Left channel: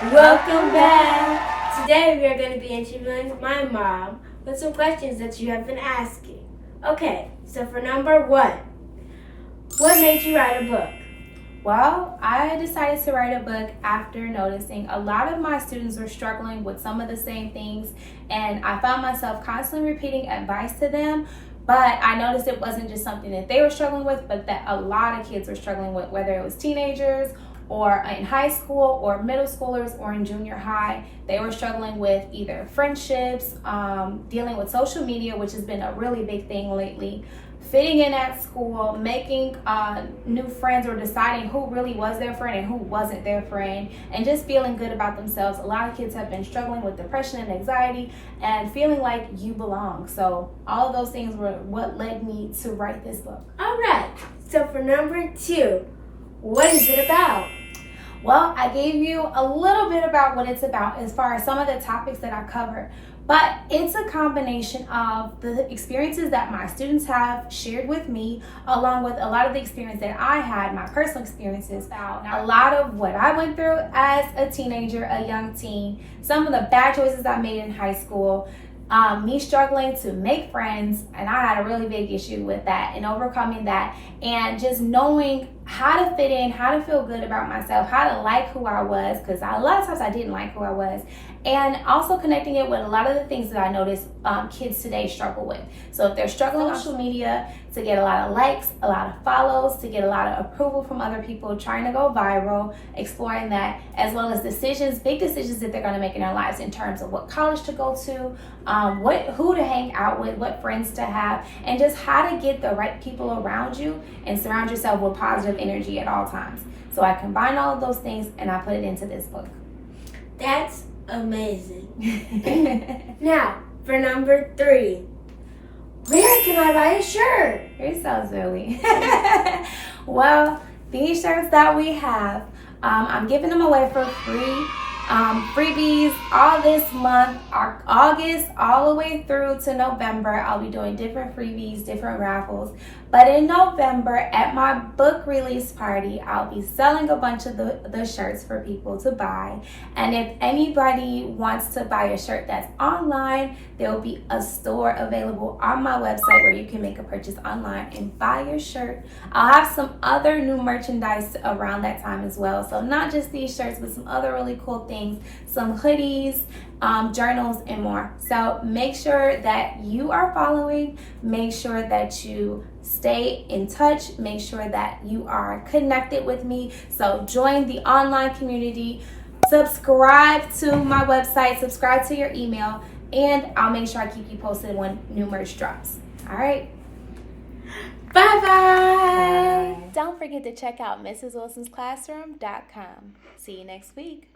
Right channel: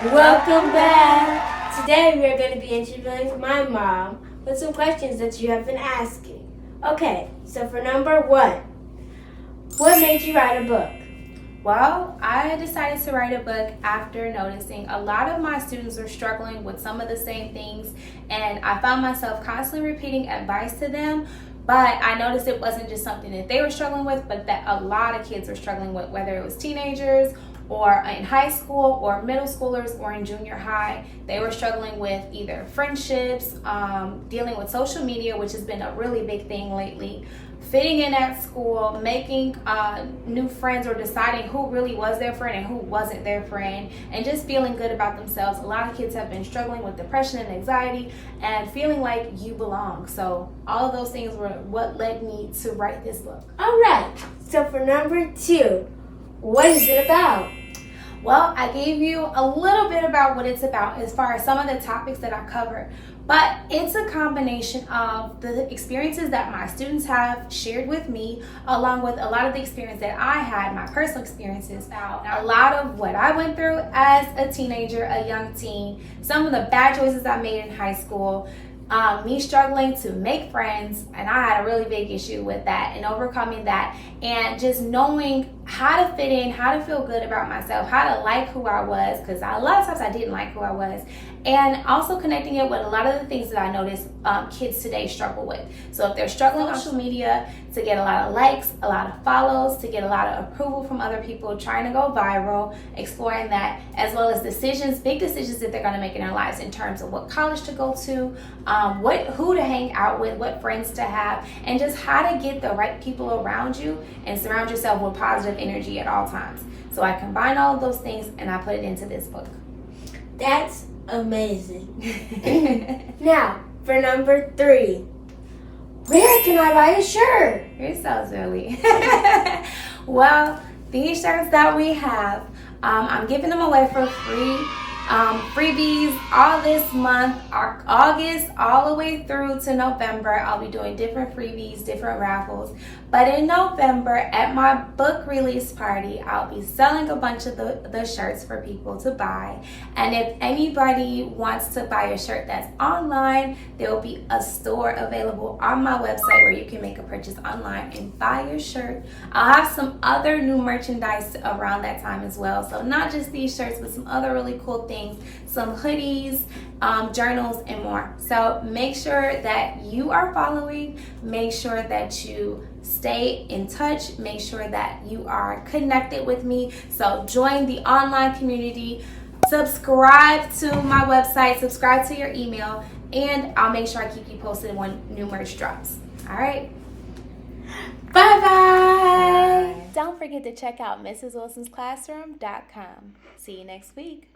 Welcome back! Today we are going to be interviewing my mom with some questions that you have been asking. Okay, so for number one, what made you write a book? Well, I decided to write a book after noticing a lot of my students were struggling with some of the same things, and I found myself constantly repeating advice to them. But I noticed it wasn't just something that they were struggling with, but that a lot of kids were struggling with, whether it was teenagers or in high school or middle schoolers or in junior high. They were struggling with either friendships, dealing with social media, which has been a really big thing lately, fitting in at school, making new friends, or deciding who really was their friend and who wasn't their friend, and just feeling good about themselves. A lot of kids have been struggling with depression and anxiety and feeling like you belong. So all of those things were what led me to write this book. All right, so for number two, what is it about? Well, I gave you a little bit about what it's about as far as some of the topics that I covered, but it's a combination of the experiences that my students have shared with me, along with a lot of the experience that I had, my personal experiences, about a lot of what I went through as a teenager, a young teen, some of the bad choices I made in high school, me struggling to make friends, and I had a really big issue with that and overcoming that, and just knowing how to fit in, how to feel good about myself, how to like who I was, because a lot of times I didn't like who I was, and also connecting it with a lot of the things that I noticed kids today struggle with. So if they're struggling on social media to get a lot of likes, a lot of follows, to get a lot of approval from other people, trying to go viral, exploring that, as well as decisions, big decisions that they're going to make in their lives in terms of what college to go to, who to hang out with, what friends to have, and just how to get the right people around you and surround yourself with positive energy at all times. So I combine all of those things and I put it into this book. That's amazing. Now, for number three, where can I buy a shirt? You're so silly. Well, these shirts that we have, I'm giving them away for free. Freebies all this month, August all the way through to November. I'll be doing different freebies, different raffles. But in November, at my book release party, I'll be selling a bunch of the shirts for people to buy. And if anybody wants to buy a shirt that's online, there will be a store available on my website where you can make a purchase online and buy your shirt. I'll have some other new merchandise around that time as well. So not just these shirts, but some other really cool things, some hoodies, journals, and more. So make sure that you are following, make sure that you stay in touch, make sure that you are connected with me. So join the online community, subscribe to my website, subscribe to your email, and I'll make sure I keep you posted when new merch drops. All right. Bye-bye. Don't forget to check out MrsWilsonsClassroom.com. See you next week.